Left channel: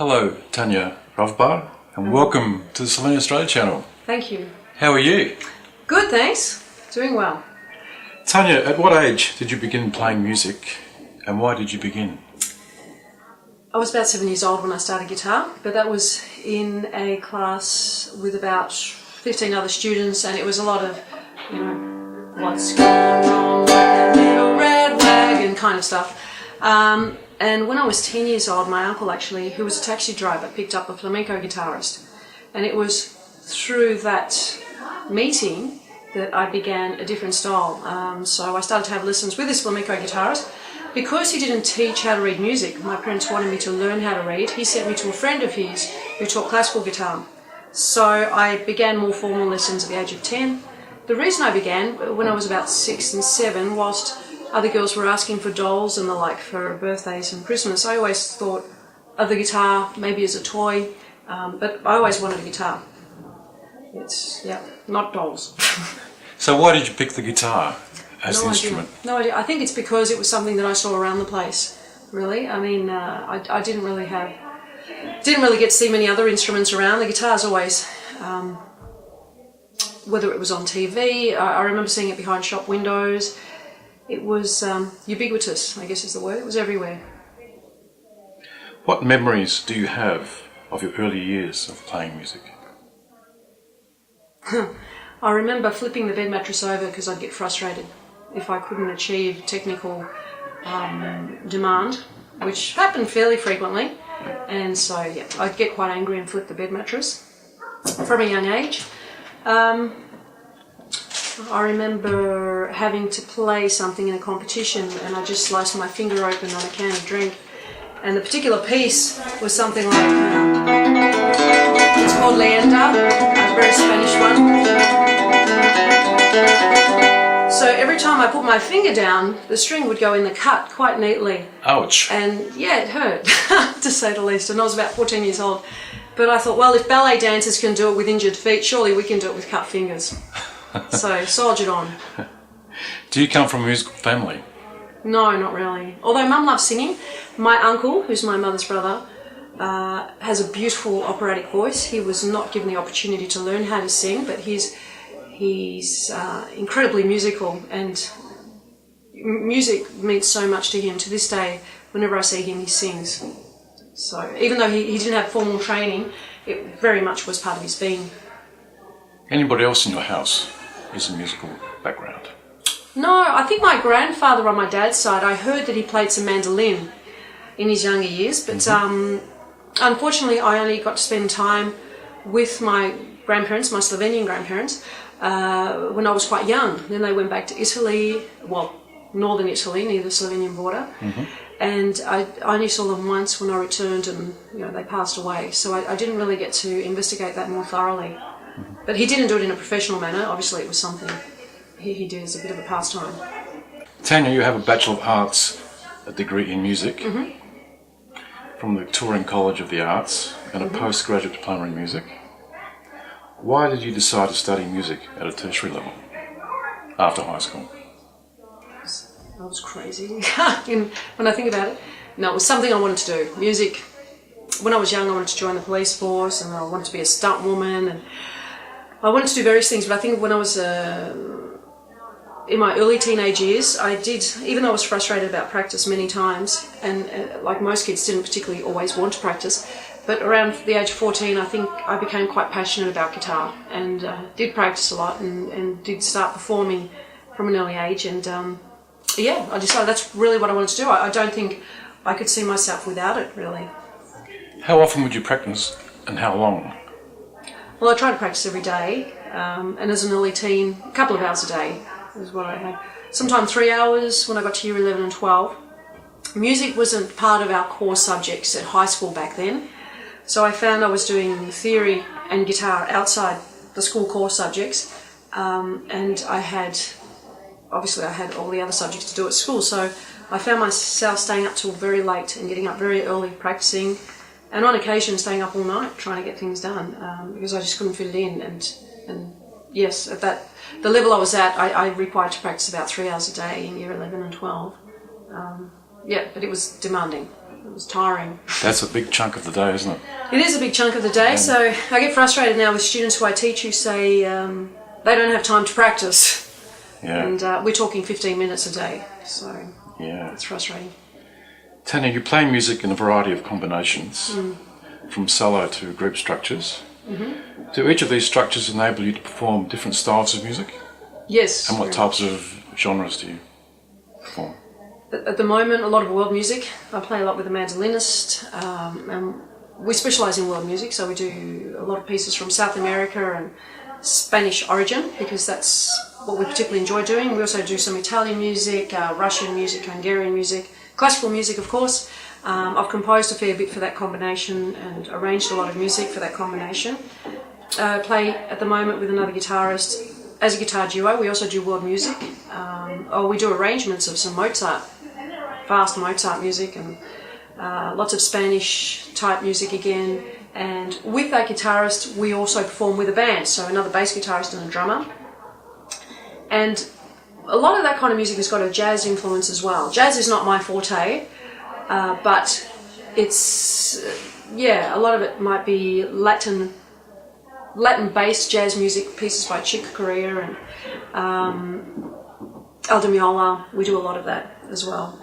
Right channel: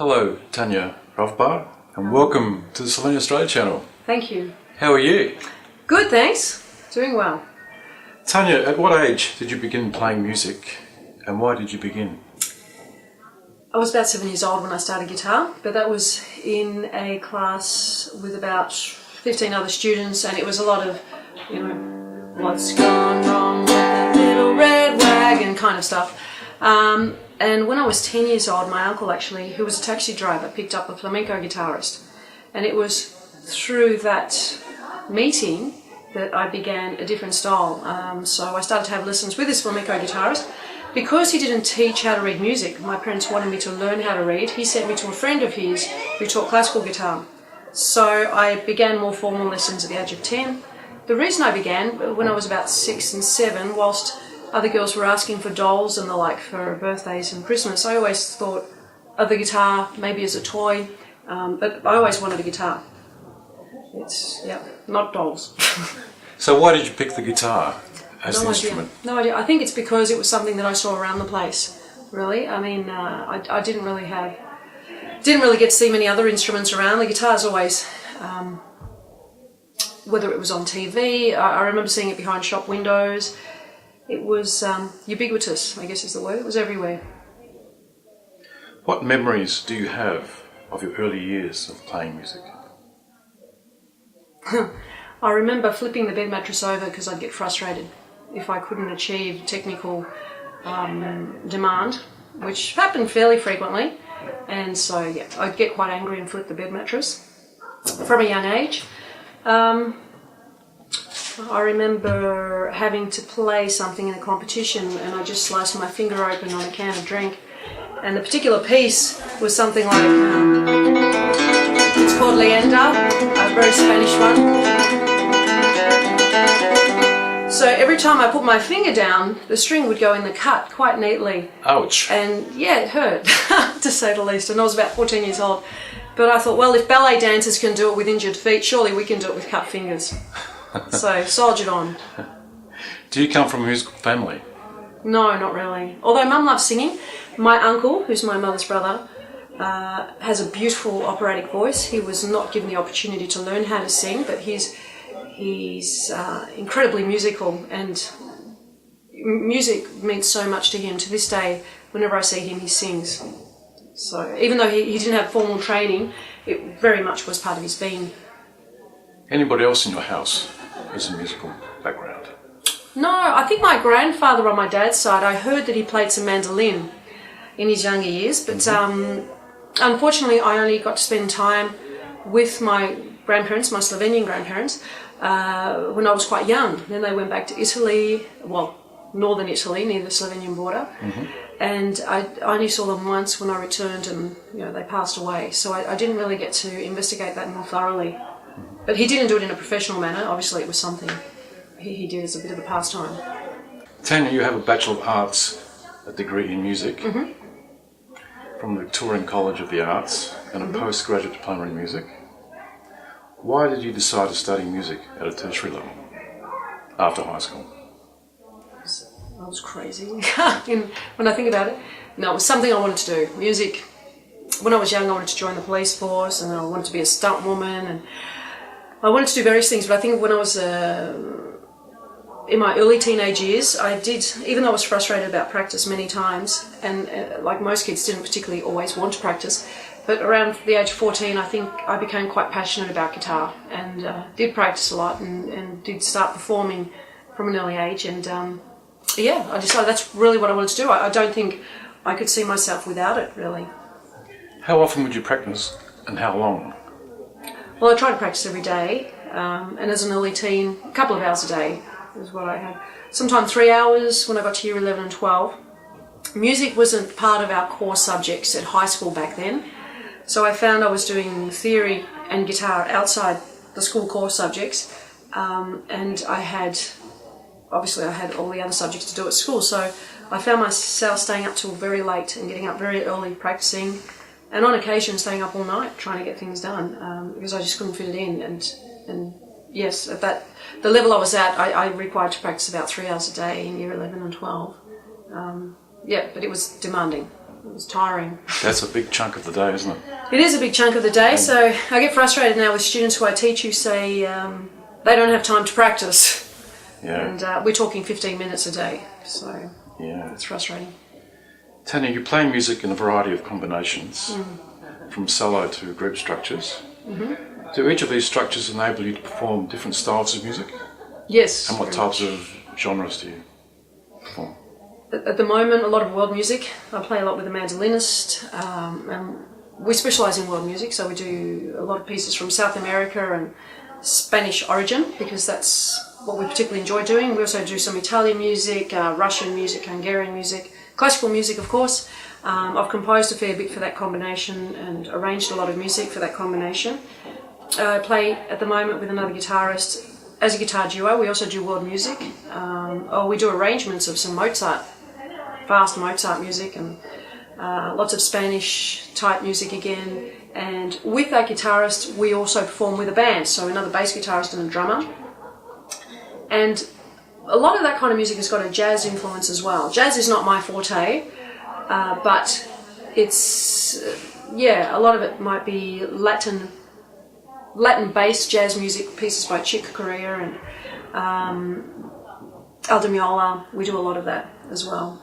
Hello, Tania Ravbar, and welcome to the Slovenia Australia channel. Thank you. How are you? Good, thanks. Doing well. Tania, at what age did you begin playing music, and why did you begin? I was about 7 years old when I started guitar, but that was in a class with about 15 other students, and it was a lot of, what's gone wrong with that little red wagon kind of stuff. And when I was 10 years old, my uncle actually, who was a taxi driver, picked up a flamenco guitarist. And it was through that meeting that I began a different style. So I started to have lessons with this flamenco guitarist. Because he didn't teach how to read music, my parents wanted me to learn how to read. He sent me to a friend of his who taught classical guitar. So I began more formal lessons at the age of 10. The reason I began, when I was about 6 and 7, whilst other girls were asking for dolls and the like for birthdays and Christmas, I always thought of the guitar maybe as a toy, but I always wanted a guitar. It's, not dolls. So why did you pick the guitar? No idea. I think it's because it was something that I saw around the place, really. I mean, I didn't really get to see many other instruments around. The guitar's always, whether it was on TV, I remember seeing it behind shop windows. It was ubiquitous, I guess is the word. It was everywhere. What memories do you have of your early years of playing music? I remember flipping the bed mattress over because I'd get frustrated if I couldn't achieve technical demand, which happened fairly frequently. And so, I'd get quite angry and flip the bed mattress from a young age. I remember having to play something in a competition and I just sliced my finger open on a can of drink. And the particular piece was something like, it's called Leyenda, a very Spanish one. So every time I put my finger down, the string would go in the cut quite neatly. Ouch. And it hurt, to say the least. And I was about 14 years old. But I thought, well, if ballet dancers can do it with injured feet, surely we can do it with cut fingers. So, soldiered on. Do you come from a musical family? No, not really. Although Mum loves singing. My uncle, who's my mother's brother, has a beautiful operatic voice. He was not given the opportunity to learn how to sing, but he's incredibly musical, and music means so much to him. To this day, whenever I see him, he sings. So even though he didn't have formal training, it very much was part of his being. Anybody else in your house is a musical background? No, I think my grandfather on my dad's side, I heard that he played some mandolin in his younger years, but unfortunately I only got to spend time with my grandparents, my Slovenian grandparents, when I was quite young. Then they went back to Italy, northern Italy, near the Slovenian border, and I only saw them once when I returned, and they passed away. So I didn't really get to investigate that more thoroughly. But he didn't do it in a professional manner. Obviously, it was something he did as a bit of a pastime. Tania, you have a Bachelor of Arts, a degree in music from the Victorian College of the Arts, and a postgraduate diploma in music. Why did you decide to study music at a tertiary level after high school? I was crazy when I think about it. No, it was something I wanted to do. Music. When I was young, I wanted to join the police force, and I wanted to be a stunt woman, and I wanted to do various things. But I think when I was in my early teenage years, I did, even though I was frustrated about practice many times, and like most kids didn't particularly always want to practice, but around the age of 14, I think I became quite passionate about guitar, and did practice a lot, and did start performing from an early age. And I decided that's really what I wanted to do. I don't think I could see myself without it, really. How often would you practice, and how long? Well, I tried to practice every day, and as an early teen, a couple of hours a day is what I had. Sometimes 3 hours when I got to year 11 and 12. Music wasn't part of our core subjects at high school back then, so I found I was doing theory and guitar outside the school core subjects, and I had all the other subjects to do at school, so I found myself staying up till very late and getting up very early practicing, and on occasion staying up all night trying to get things done, because I just couldn't fit it in. And yes, at the level I was at, I required to practice about 3 hours a day in year 11 and 12. But it was demanding. It was tiring. That's a big chunk of the day, isn't it? It is a big chunk of the day, so I get frustrated now with students who I teach who say they don't have time to practice. Yeah. And we're talking 15 minutes a day, so Yeah. it's frustrating. Tania, you play music in a variety of combinations, from solo to group structures. Mm-hmm. Do each of these structures enable you to perform different styles of music? Yes. And what types of genres do you perform? At the moment, a lot of world music. I play a lot with a mandolinist, and we specialise in world music, so we do a lot of pieces from South America and Spanish origin, because that's what we particularly enjoy doing. We also do some Italian music, Russian music, Hungarian music, classical music, of course. I've composed a fair bit for that combination and arranged a lot of music for that combination. I play at the moment with another guitarist as a guitar duo. We also do world music. We do arrangements of some Mozart, fast Mozart music, and lots of Spanish type music again. And with that guitarist, we also perform with a band, so another bass guitarist and a drummer. And a lot of that kind of music has got a jazz influence as well. Jazz is not my forte, but it's, a lot of it might be Latin-based jazz music, pieces by Chick Corea and Aldo Meola. We do a lot of that as well.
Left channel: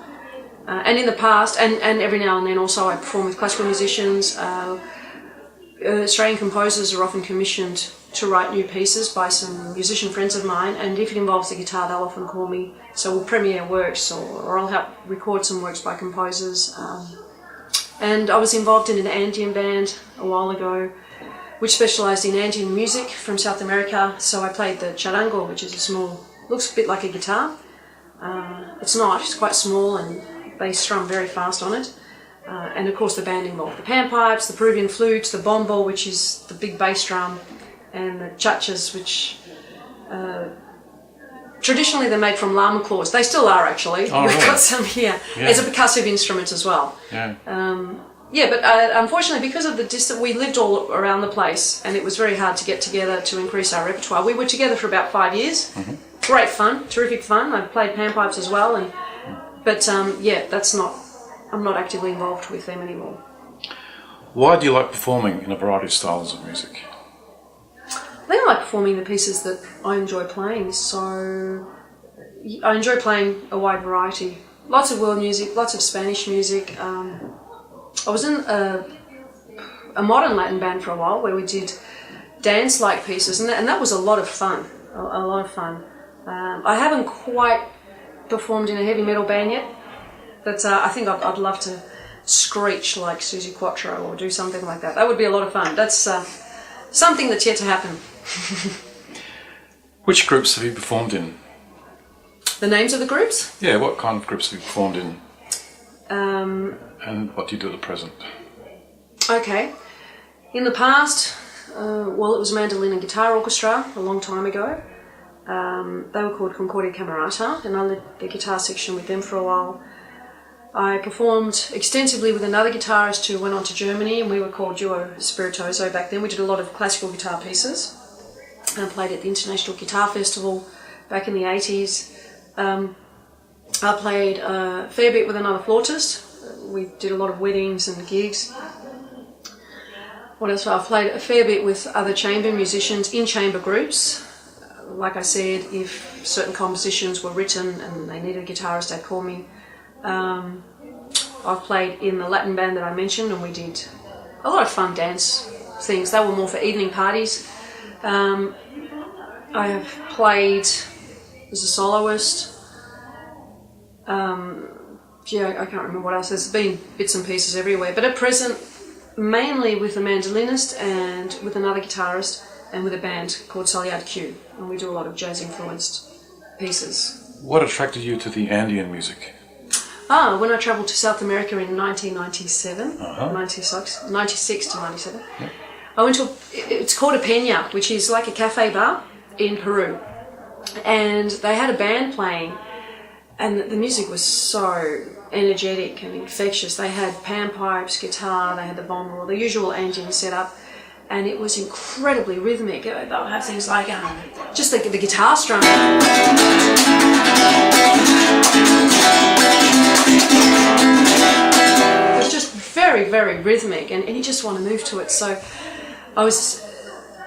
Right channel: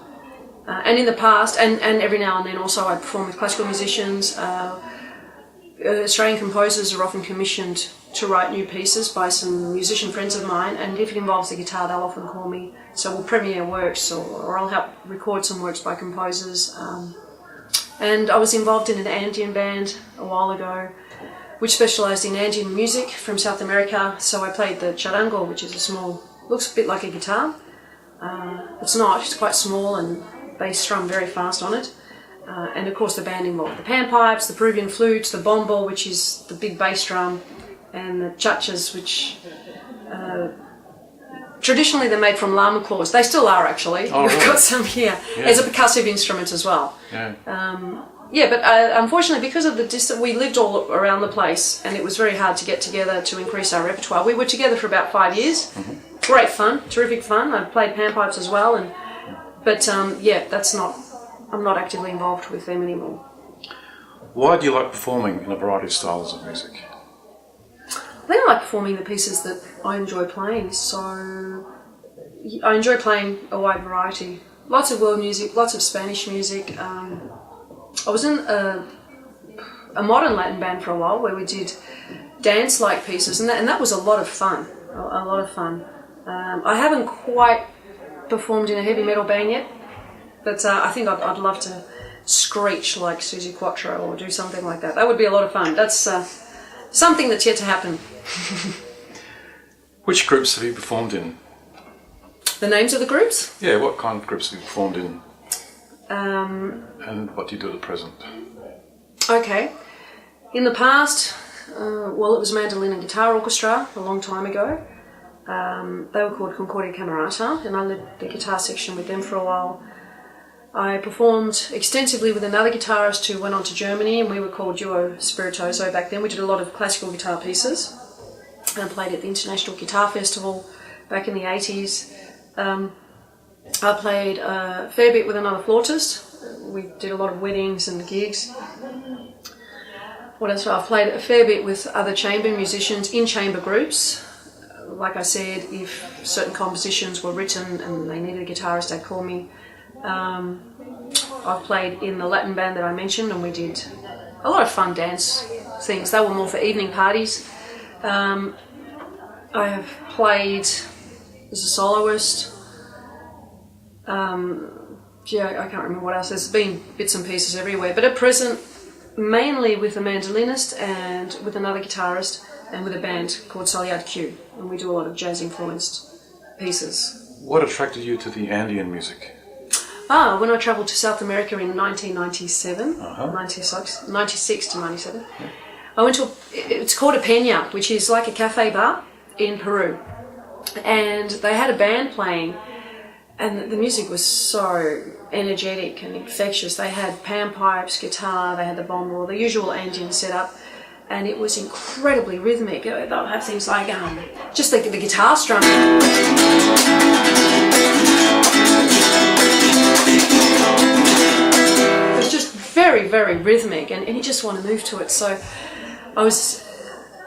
And in the past, and every now and then also, I perform with classical musicians. Australian composers are often commissioned to write new pieces by some musician friends of mine, and if it involves the guitar, they'll often call me. So we'll premiere works, or I'll help record some works by composers. And I was involved in an Andean band a while ago, which specialised in Andean music from South America. So I played the charango, which is a small, looks a bit like a guitar. It's not, it's quite small, and they strum very fast on it. And of course the band involved the panpipes, the Peruvian flutes, the bombo, which is the big bass drum, and the chachas, which traditionally they're made from llama claws. They still are, actually. Oh, We've right. got some here. Yeah. As a percussive instrument as well. Yeah. But unfortunately, because of the distance, we lived all around the place, and it was very hard to get together to increase our repertoire. We were together for about 5 years. Mm-hmm. Great fun, terrific fun. I played panpipes as well, I'm not actively involved with them anymore. Why do you like performing in a variety of styles of music? I think I like performing the pieces that I enjoy playing, so I enjoy playing a wide variety. Lots of world music, lots of Spanish music. I was in a modern Latin band for a while where we did dance-like pieces, and that was a lot of fun, a lot of fun. I haven't quite performed in a heavy metal band yet, but I think I'd love to screech like Suzi Quattro or do something like that. That would be a lot of fun. That's something that's yet to happen. Which groups have you performed in? The names of the groups? Yeah, what kind of groups have you performed in? And what do you do at present? Okay. In the past, it was a mandolin and guitar orchestra a long time ago. They were called Concordia Camerata, and I led the guitar section with them for a while. I performed extensively with another guitarist who went on to Germany, and we were called Duo Spiritoso back then. We did a lot of classical guitar pieces. I played at the International Guitar Festival back in the 80s. I played a fair bit with another flautist. We did a lot of weddings and gigs. What else? I've played a fair bit with other chamber musicians in chamber groups. Like I said, if certain compositions were written and they needed a guitarist, they'd call me. I've played in the Latin band that I mentioned, and we did a lot of fun dance things. They were more for evening parties. I have played as a soloist. I can't remember what else. There's been bits and pieces everywhere. But at present, mainly with a mandolinist and with another guitarist and with a band called Saliad Q. And we do a lot of jazz-influenced pieces. What attracted you to the Andean music? When I travelled to South America in 1997, 96 to 97, I went to, it's called a peña, which is like a cafe bar in Peru. And they had a band playing, and the music was so energetic and infectious. They had panpipes, guitar, they had the bombo, the usual Andean setup, and it was incredibly rhythmic. They'll have things like just the guitar strumming. It was very, very rhythmic, and you just want to move to it. So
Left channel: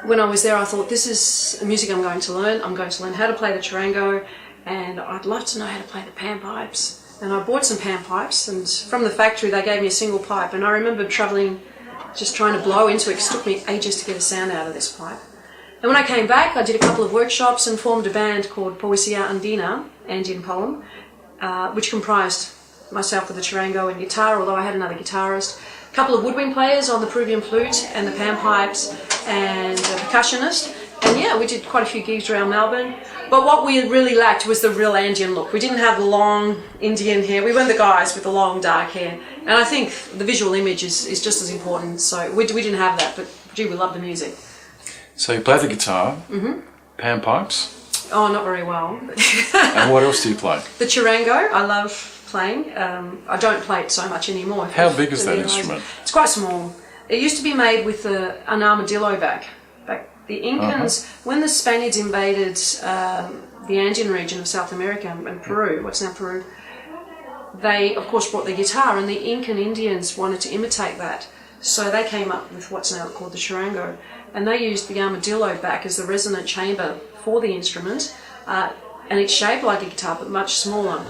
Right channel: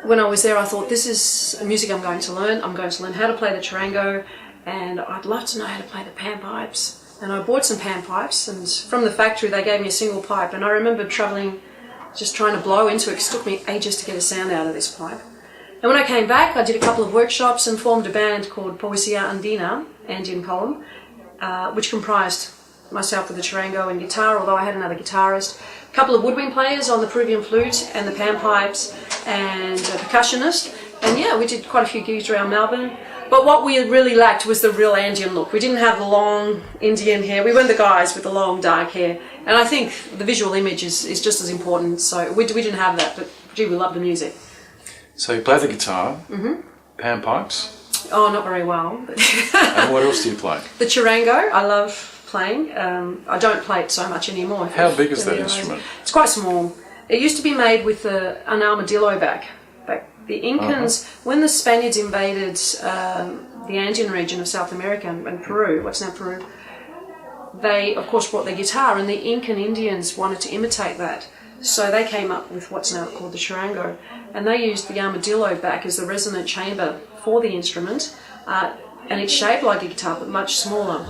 when I was there, I thought, this is music I'm going to learn. I'm going to learn how to play the charango, and I'd love to know how to play the panpipes. And I bought some panpipes, and from the factory they gave me a single pipe, and I remember travelling, just trying to blow into it, because it took me ages to get a sound out of this pipe. And when I came back, I did a couple of workshops and formed a band called Poesia Andina, Andean Poem, which comprised myself with the charango and guitar, although I had another guitarist, a couple of woodwind players on the Peruvian flute and the panpipes, and a percussionist. And yeah, we did quite a few gigs around Melbourne. But what we really lacked was the real Andean look. We didn't have the long Indian hair. We weren't the guys with the long dark hair. And I think the visual image is just as important. So we didn't have that, but gee, we love the music. So you play the guitar, panpipes. Oh, not very well. But And what else do you play? the charango, I love playing. I don't play it so much anymore. How big is that instrument? It's quite small. It used to be made with an armadillo back. The Incans, when the Spaniards invaded the Andean region of South America and Peru, what's now Peru, they of course brought their guitar, and the Incan Indians wanted to imitate that. So they came up with what's now called the charango, and they used the armadillo back as the resonant chamber for the instrument, and it's shaped like a guitar but much smaller.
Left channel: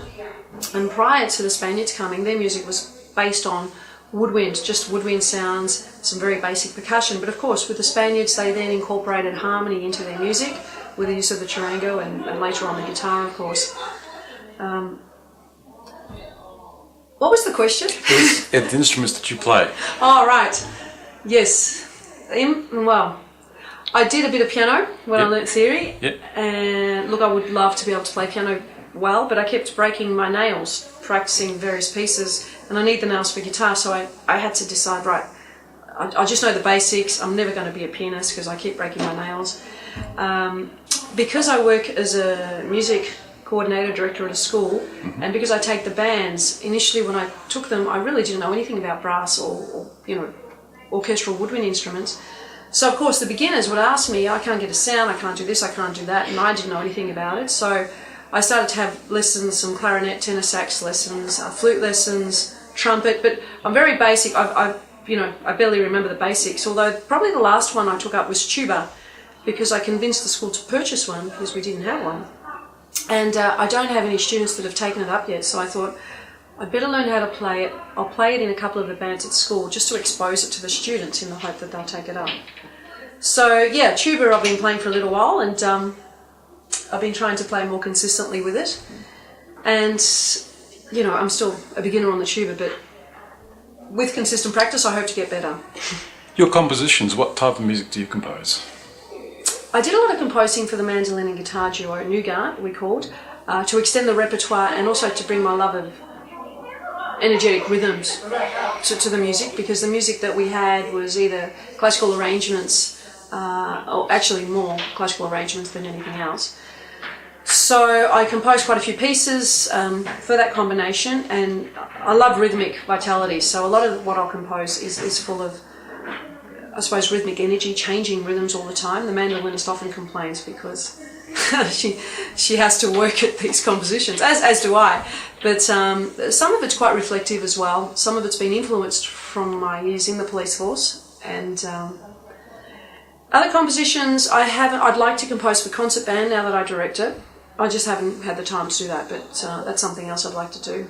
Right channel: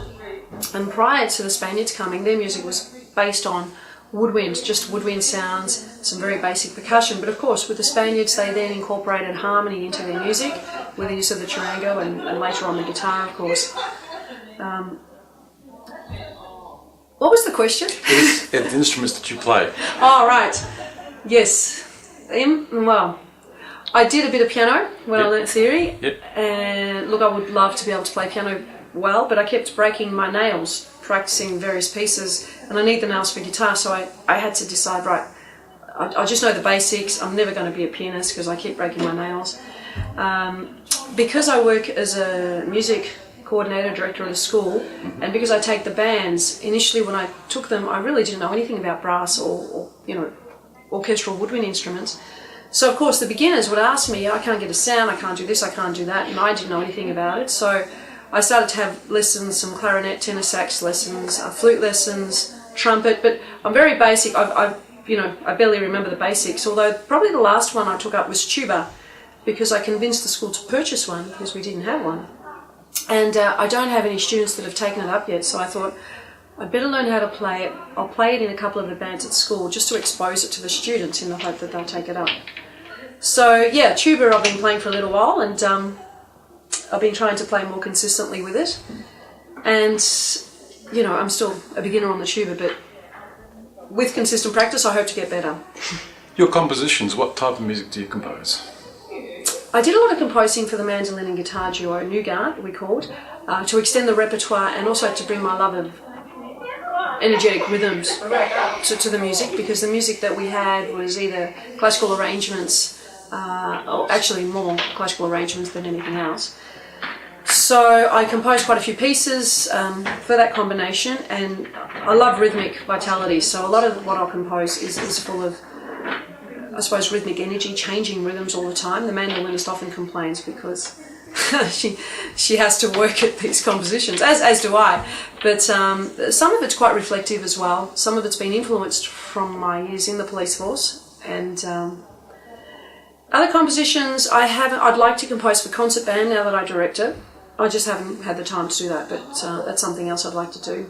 And prior to the Spaniards coming, their music was based on woodwind, just woodwind sounds, some very basic percussion. But of course, with the Spaniards, they then incorporated harmony into their music with the use of the charango and later on the guitar, of course. What was the question? The instruments that you play. Oh, right. Yes. Well, I did a bit of piano when I learnt theory. Yep. And look, I would love to be able to play piano well, but I kept breaking my nails practicing various pieces, and I need the nails for guitar, so I had to decide, right, I just know the basics. I'm never going to be a pianist because I keep breaking my nails. Because I work as a music coordinator, director at a school, and because I take the bands, initially when I took them, I really didn't know anything about brass or orchestral woodwind instruments. So of course the beginners would ask me, I can't get a sound, I can't do this, I can't do that, and I didn't know anything about it. So I started to have lessons, some clarinet, tenor sax lessons, flute lessons, trumpet, but I'm very basic. I barely remember the basics, although probably the last one I took up was tuba, because I convinced the school to purchase one because we didn't have one. And I don't have any students that have taken it up yet, so I thought I'd better learn how to play it. I'll play it in a couple of the bands at school just to expose it to the students in the hope that they'll take it up. So yeah, tuba I've been playing for a little while, and I've been trying to play more consistently with it. And, I'm still a beginner on the tuba, but with consistent practice, I hope to get better. Your compositions, what type of music do you compose? I did a lot of composing for the mandolin and guitar duo, Nougat, we called, to extend the repertoire and also to bring my love of energetic rhythms to the music, because the music that we had was either classical arrangements, or actually more classical arrangements than anything else. So I composed quite a few pieces for that combination, and I love rhythmic vitality, so a lot of what I'll compose is full of, I suppose, rhythmic energy, changing rhythms all the time. The mandolinist often complains because she has to work at these compositions, as do I. But some of it's quite reflective as well. Some of it's been influenced from my years in the police force, and other compositions I'd like to compose for concert band now that I direct it. I just haven't had the time to do that, but that's something else I'd like to do.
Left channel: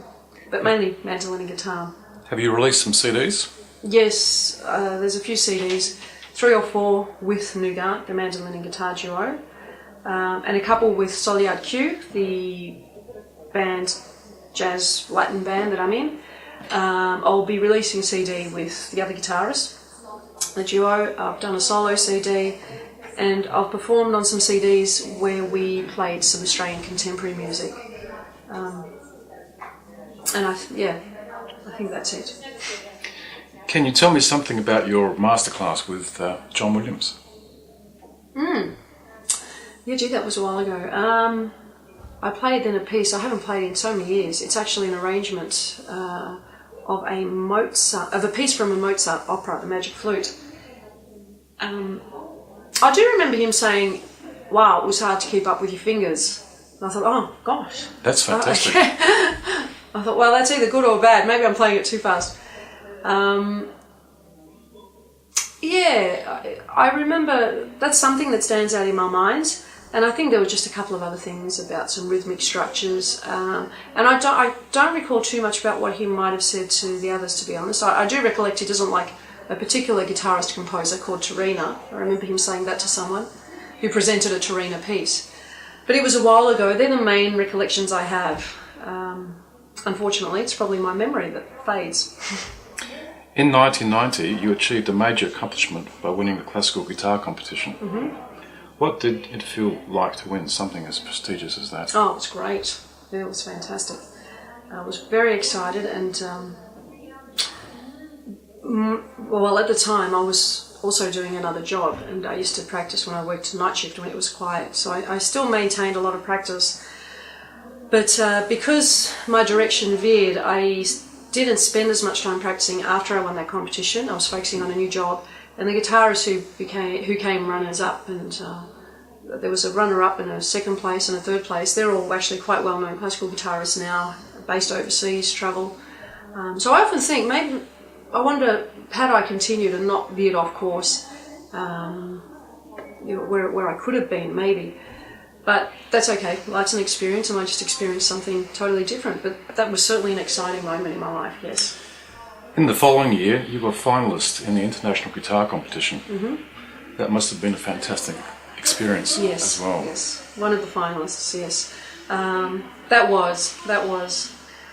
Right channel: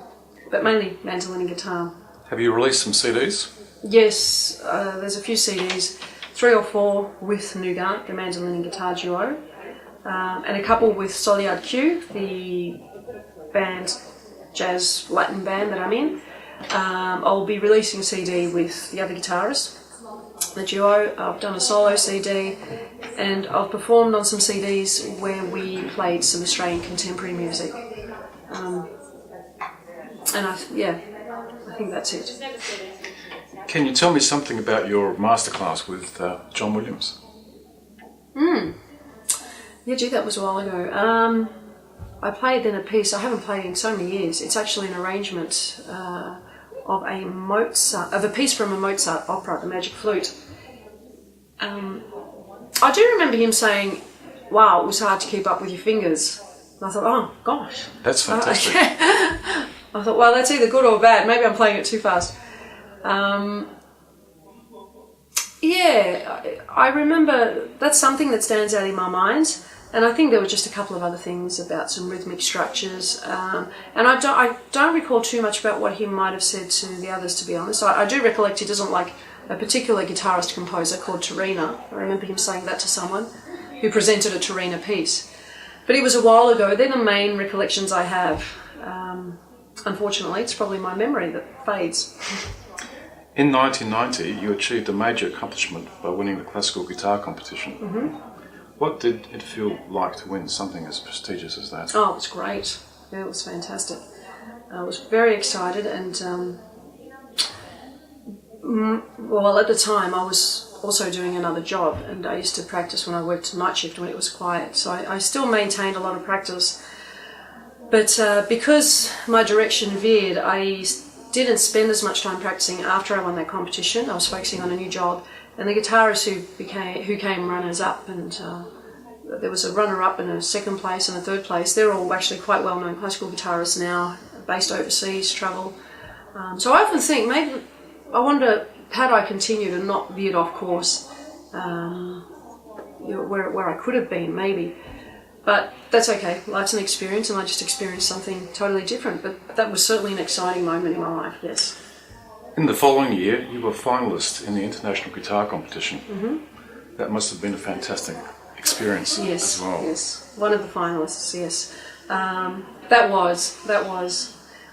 But mainly mandolin and guitar. Have you released some CDs? Yes, there's a few CDs, 3 or 4 with Nougat, the mandolin and guitar duo, and a couple with Soledad Q, the band, jazz Latin band that I'm in. I'll be releasing a CD with the other guitarist, the duo. I've done a solo CD, and I've performed on some CDs where we played some Australian contemporary music. And I think that's it. Can you tell me something about your masterclass with John Williams? Yeah, gee, that was a while ago. I played then a piece I haven't played in so many years. It's actually an arrangement of a piece from a Mozart opera, The Magic Flute. I do remember him saying, "Wow, it was hard to keep up with your fingers." And I thought, "Oh gosh, that's fantastic." I thought, well, that's either good or bad. Maybe I'm playing it too fast. I remember that's something that stands out in my mind, and I think there were just a couple of other things about some rhythmic structures, and I don't recall too much about what he might have said to the others, to be honest. I do recollect he doesn't like a particular guitarist composer called Torina. I remember him saying that to someone who presented a Torina piece, but it was a while ago. They're the main recollections I have. Unfortunately, it's probably my memory that fades. In 1990, you achieved a major accomplishment by winning the classical guitar competition. Mm-hmm. What did it feel like to win something as prestigious as that? Oh, it was great. It was fantastic. I was very excited, and well, at the time I was also doing another job, and I used to practice when I worked night shift when it was quiet. So I still maintained a lot of practice. But because my direction veered, I didn't spend as much time practicing after I won that competition. I was focusing on a new job, and the guitarists who came runners-up, and there was a runner-up and a second place and a third place. They're all actually quite well-known classical guitarists now, based overseas, travel. So I often think, maybe, I wonder, had I continued and not veered off course, where I could have been, maybe. But that's okay. Life's an experience, and I just experienced something totally different. But that was certainly an exciting moment in my life, yes. In the following year, you were a finalist in the International Guitar Competition. Mm-hmm. That must have been a fantastic experience. Yes, as well. yes. One of the finalists, yes. That was.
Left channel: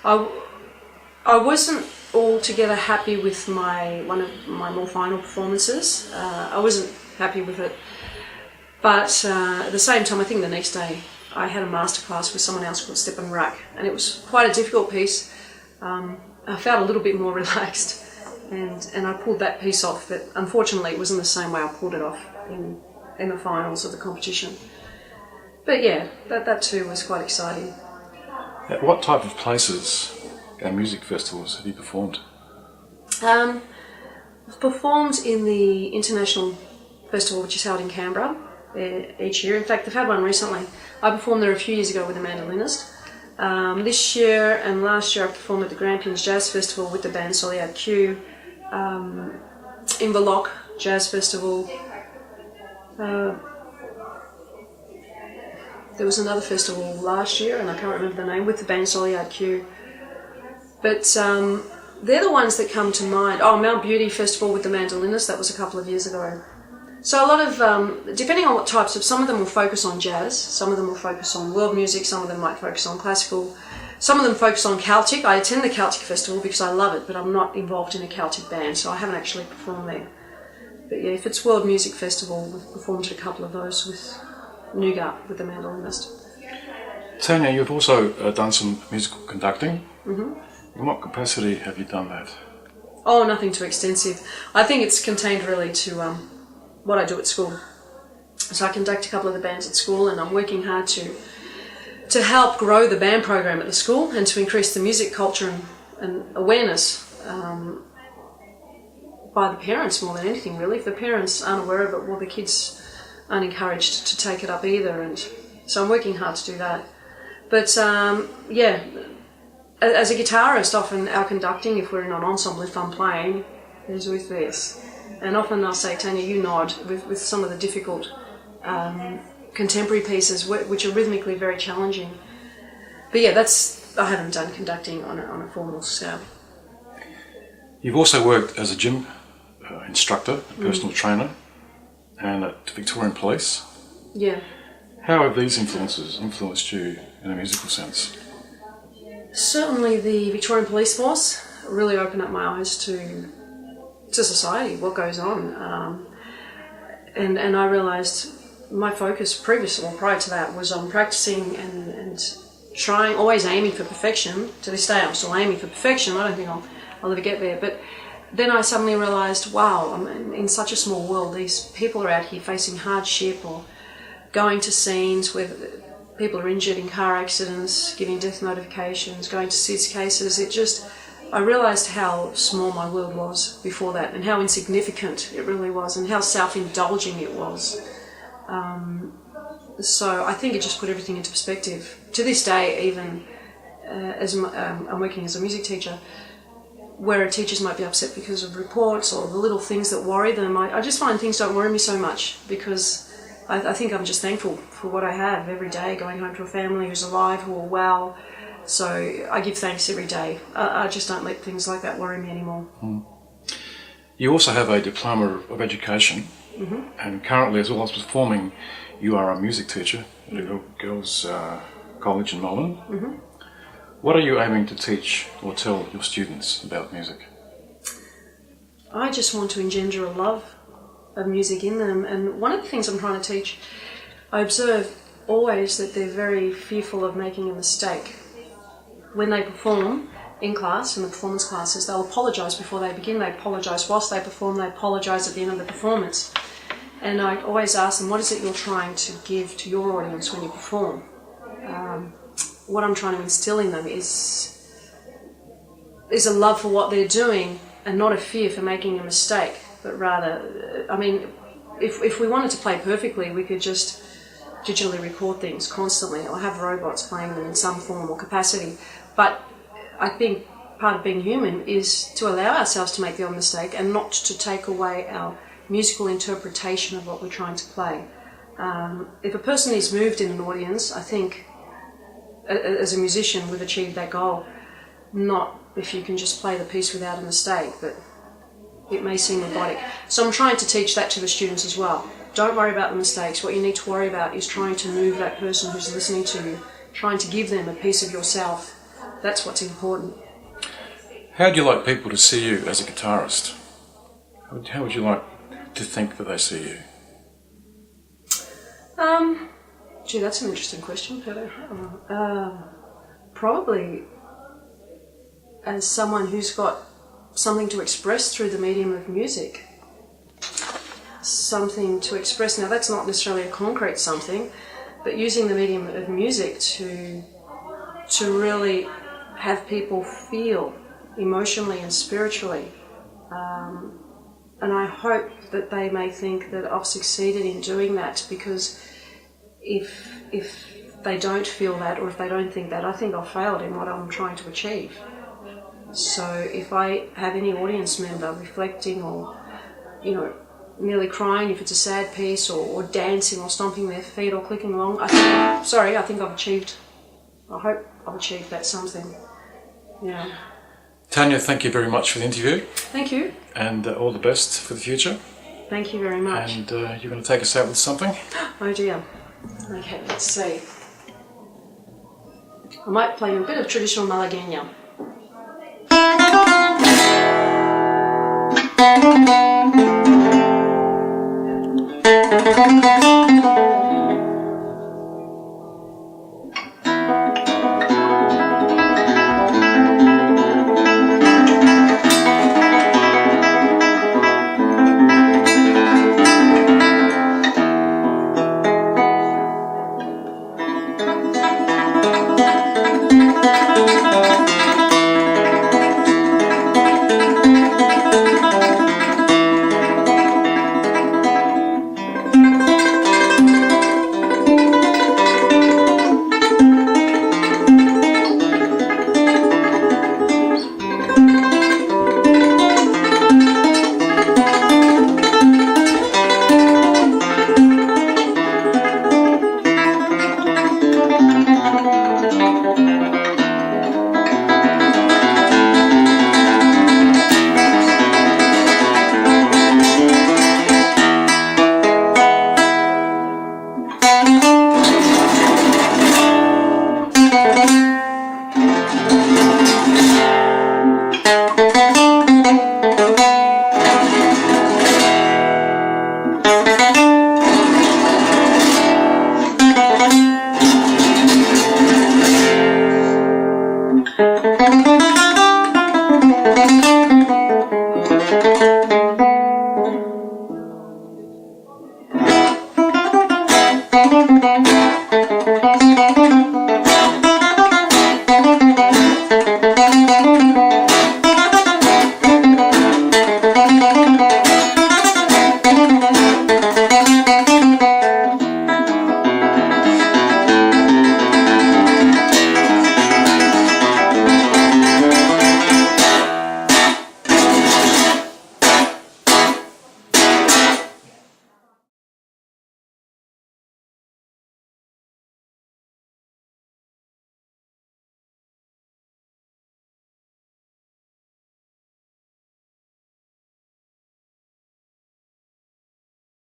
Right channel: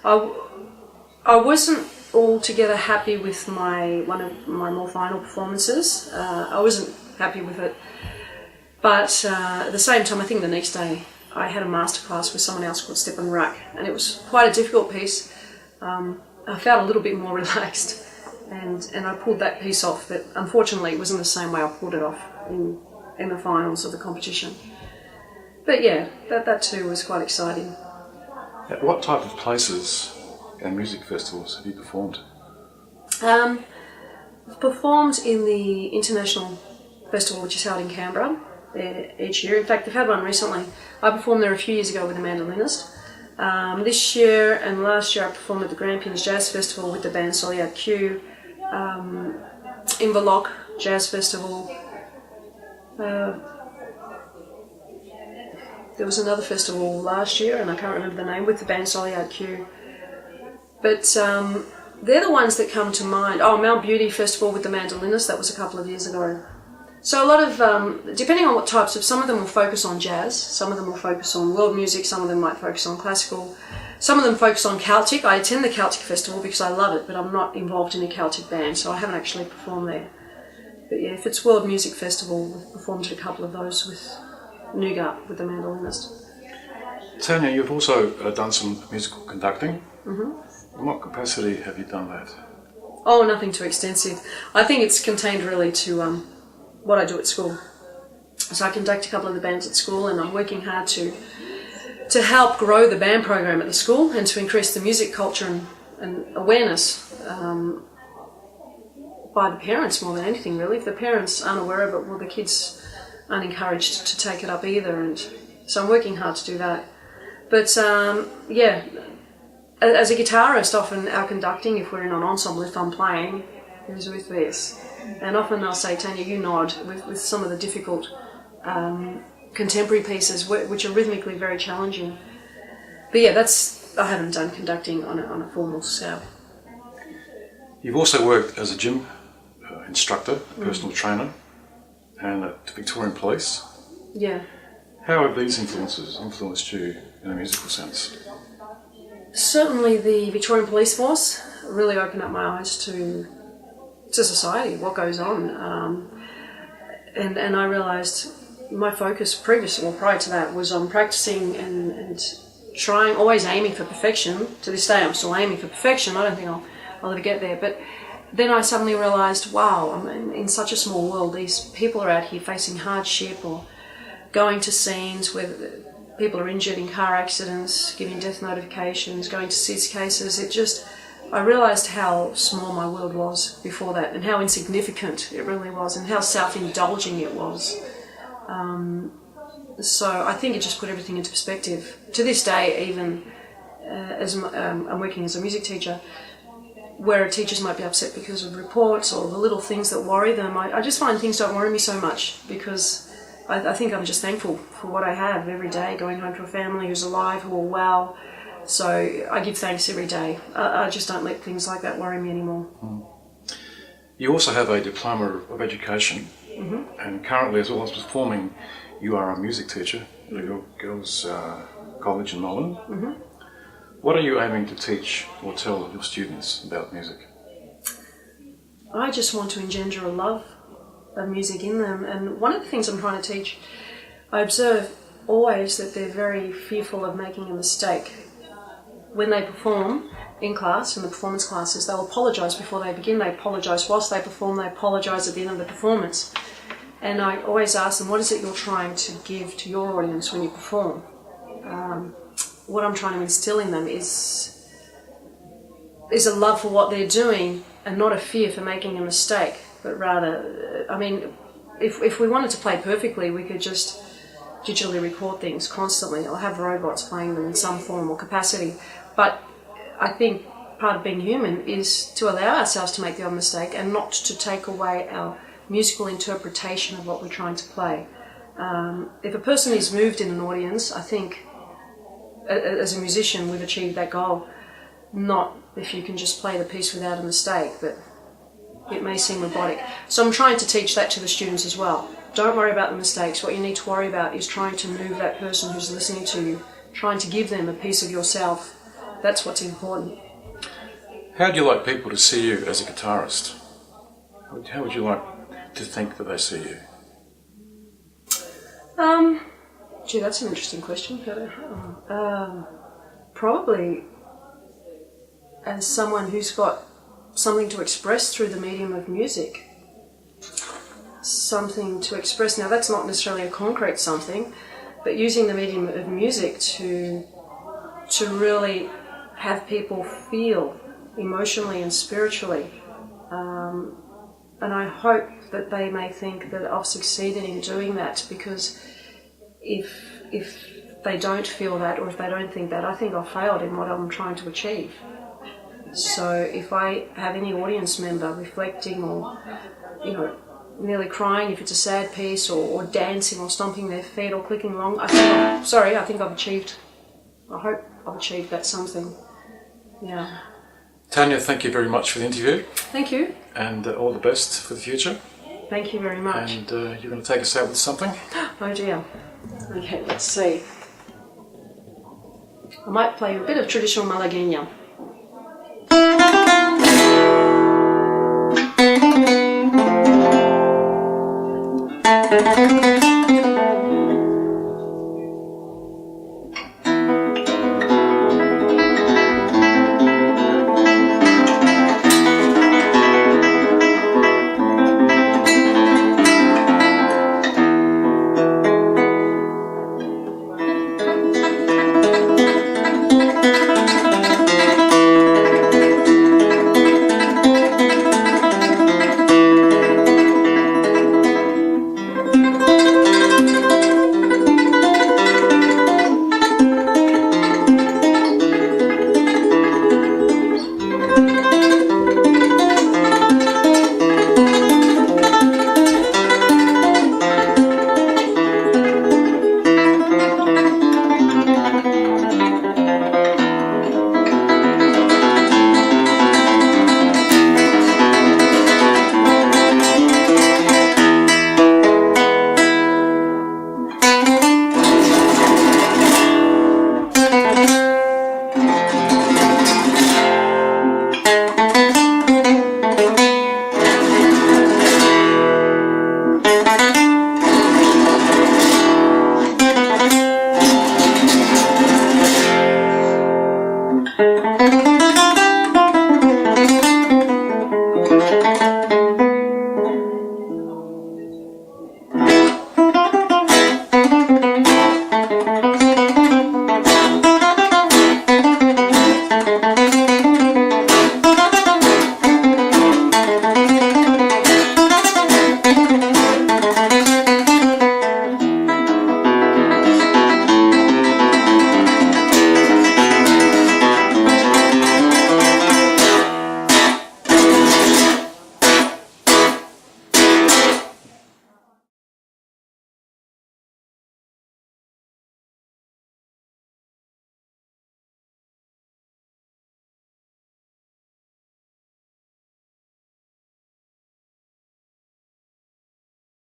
I wasn't altogether happy with one of my more final performances. I wasn't happy with it. But at the same time, I think the next day I had a masterclass with someone else called Stepan Rak, and it was quite a difficult piece. I felt a little bit more relaxed, and I pulled that piece off, but unfortunately it wasn't the same way I pulled it off in the finals of the competition. But yeah, that too was quite exciting. At what type of places and music festivals have you performed? I've performed in the International Festival, which is held in Canberra each year. In fact, they've had one recently. I performed there a few years ago with a mandolinist. This year and last year I performed at the Grampians Jazz Festival with the band Soliad Q, in Verloc Jazz Festival. There was another festival last year, and I can't remember the name, with the band Soliad Q. But they're the ones that come to mind. Oh, Mount Beauty Festival with the mandolinist, that was a couple of years ago. So a lot of, depending on what types of, some of them will focus on jazz, some of them will focus on world music, some of them might focus on classical, some of them focus on Celtic. I attend the Celtic Festival because I love it, but I'm not involved in a Celtic band, so I haven't actually performed there. But yeah, if it's World Music Festival, we've performed at a couple of those with Nougat, with the mandolinist. Tania, you've also done some musical conducting. Mm-hmm. In what capacity have you done that? Oh, nothing too extensive. I think it's contained really to what I do at school. So I conduct a couple of the bands at school, and I'm working hard to help grow the band program at the school and to increase the music culture and awareness by the parents more than anything, really. If the parents aren't aware of it, well, the kids aren't encouraged to take it up either, and so I'm working hard to do that. But yeah, as a guitarist, often our conducting, if we're in an ensemble, if I'm playing, is with this. And often they'll say, Tania, you nod with some of the difficult contemporary pieces, which are rhythmically very challenging. But yeah, I haven't done conducting on a formal scale. You've also worked as a gym instructor, personal trainer, and at Victorian Police. Yeah. How have these influences influenced you in a musical sense? Certainly the Victorian Police Force really opened up my eyes to society, what goes on. And I realised my focus prior to that was on practising and trying, always aiming for perfection. To this day I'm still aiming for perfection. I don't think I'll ever get there. But then I suddenly realised, wow, I'm in such a small world. These people are out here facing hardship or going to scenes where people are injured in car accidents, giving death notifications, going to SIDS cases. I realised how small my world was before that, and how insignificant it really was, and how self-indulging it was. So I think it just put everything into perspective. To this day, even as I'm working as a music teacher, where teachers might be upset because of reports or the little things that worry them, I just find things don't worry me so much, because I think I'm just thankful for what I have every day, going home to a family who's alive, who are well. So I give thanks every day. I just don't let things like that worry me anymore. You also have a diploma of education, and currently, as well as performing, you are a music teacher at your girls' college in Melbourne. What are you aiming to teach or tell your students about music? I just want to engender a love of music in them. And one of the things I'm trying to teach, I observe always that they're very fearful of making a mistake. When they perform in class, in the performance classes, they'll apologise before they begin. They apologise whilst they perform. They apologise at the end of the performance. And I always ask them, what is it you're trying to give to your audience when you perform? What I'm trying to instill in them is a love for what they're doing, and not a fear for making a mistake, but rather, I mean, if we wanted to play perfectly, we could just digitally record things constantly or have robots playing them in some form or capacity. But I think part of being human is to allow ourselves to make the odd mistake and not to take away our musical interpretation of what we're trying to play. If a person is moved in an audience, I think as a musician we've achieved that goal. Not if you can just play the piece without a mistake, but it may seem robotic. So I'm trying to teach that to the students as well. Don't worry about the mistakes. What you need to worry about is trying to move that person who's listening to you, trying to give them a piece of yourself. That's what's important. How do you like people to see you as a guitarist? How would you like to think that they see you? Gee, that's an interesting question. Probably as someone who's got something to express through the medium of music. Something to express. Now, that's not necessarily a concrete something, but using the medium of music to really have people feel emotionally and spiritually. And I hope that they may think that I've succeeded in doing that, because if they don't feel that, or if they don't think that, I think I've failed in what I'm trying to achieve. So if I have any audience member reflecting, or, nearly crying if it's a sad piece, or dancing or stomping their feet or clicking along, I think I've achieved, I hope I've achieved that something. Yeah. Tania, thank you very much for the interview. Thank you. And all the best for the future. Thank you very much. And you're going to take us out with something? Oh dear. Okay, let's see. I might play you a bit of traditional Malagueña.